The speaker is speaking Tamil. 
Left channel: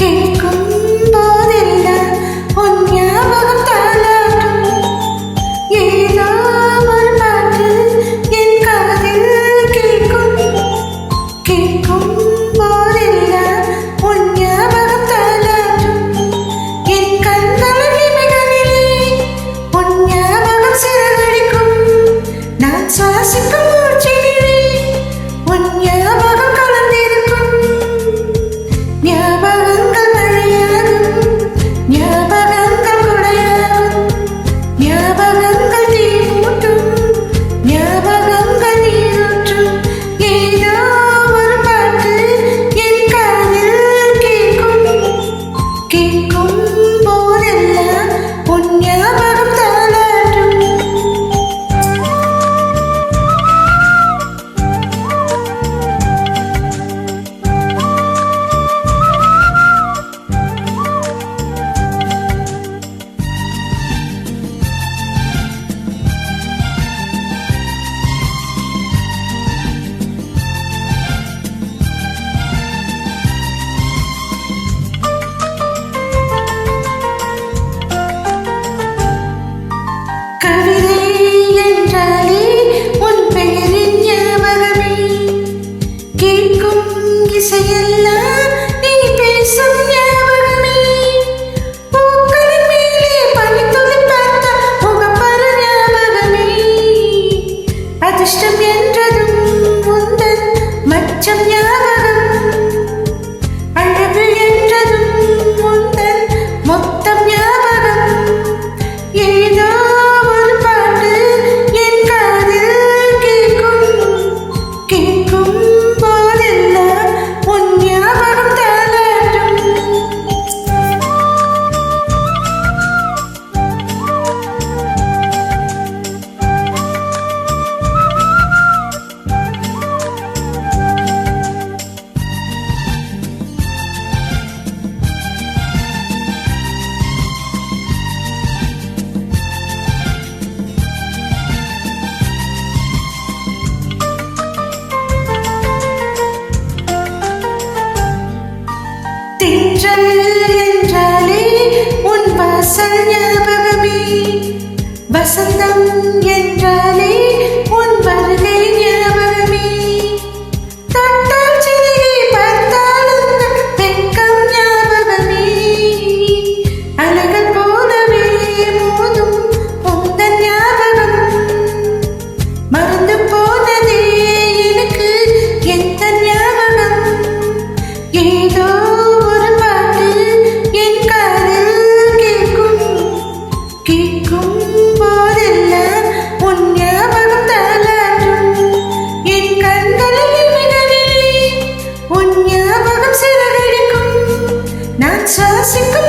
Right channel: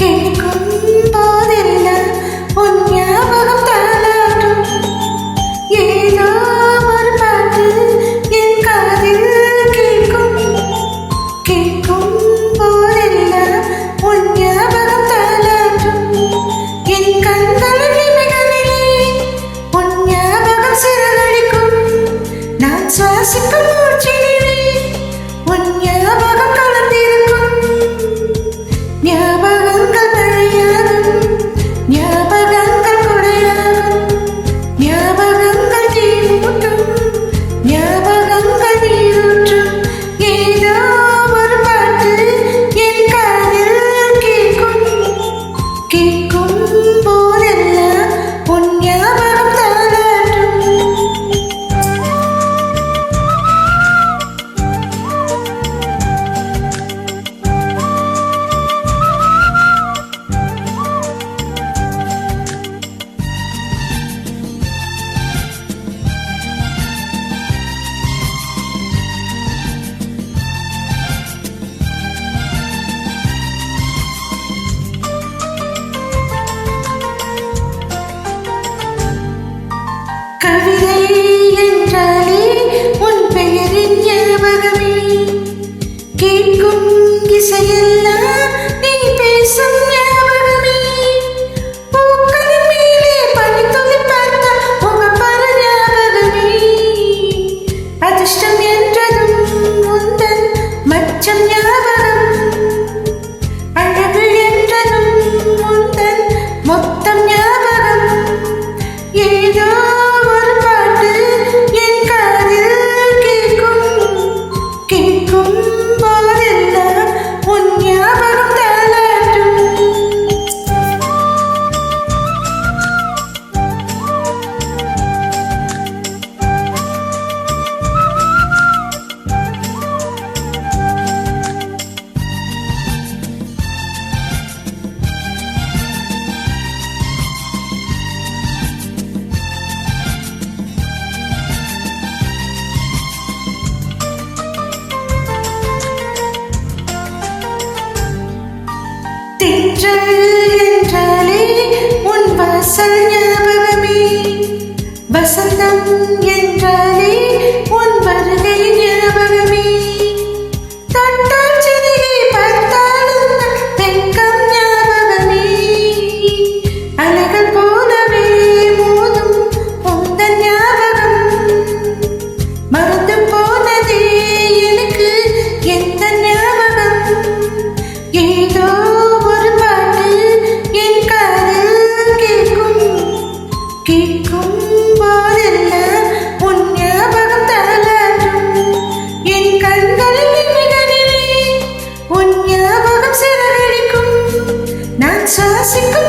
கேட்கும் போதெல்லாம் உன் ஞாபகம் தாளாட்டும். ஏதோ ஒரு பாட்டு என் காதில் கேட்கும். கேட்கும் போதெல்லாம் உன் ஞாபகம் தாளாட்டும். என் கண்களின் இமைகளிலே உன் ஞாபகம் சிறகடிக்கும். நான் சுவாசிக்கும் மூச்சினிலே உன் ஞாபகம் கலந்திருக்கும். ஞாபகங்கள் மழையாகும், ஞாபகங்கள் கொடையாகும், ஞாபகங்கள் தீமூட்டும், ஞாபகங்கள் நீரூற்றும். ஏதோ ஒரு பாட்டு என் காதில் கேட்கும். கேட்கும் போதெல்லாம் உன் ஞாபகம் தாளாட்டும். கவிதை என்றாலே உன் பெயரின் ஞாபகமே. கேட்கும் இசையெல்லாம் நீ பேசும் ஞாபகமே. பூக்களின் மேலே பனித்துளி பார்த்தால் முகப்பர ஞாபகமே. அதிர்ஷ்டம் என்றதும் உந்தன் மச்சம் ஞாபகம். அழகு என்றதும் உந்தன் மொத்தம் ஞாபகம். ஏதோ ஒரு பாட்டு என் காதில் கேட்கும். கேட்கும் போதெல்லாம் உன் ஞாபகம் தாளாட்டும். தென்றல் என்றாலே உன் வாசல் ஞாபகமே. வசந்தம் என்றாலே உன் வருகை ஞாபகமே. தொட்டால் சிறுகை பார்த்தால் உந்தன் வெட்கம் ஞாபகமே. அலைகள் போலவே மோதும் உந்தன் ஞாபகம். மறந்து போனதே எனக்கு எந்த ஞாபகம். ஏதோ ஒரு பாட்டு என் காதில் கேட்கும். கேட்கும் போதெல்லாம் உன் ஞாபகம் தாளாட்டும். என் கண்களில் இமைகளிலே உன் ஞாபகம் சிறகடிக்கும். நான் சுவாசிக்கும்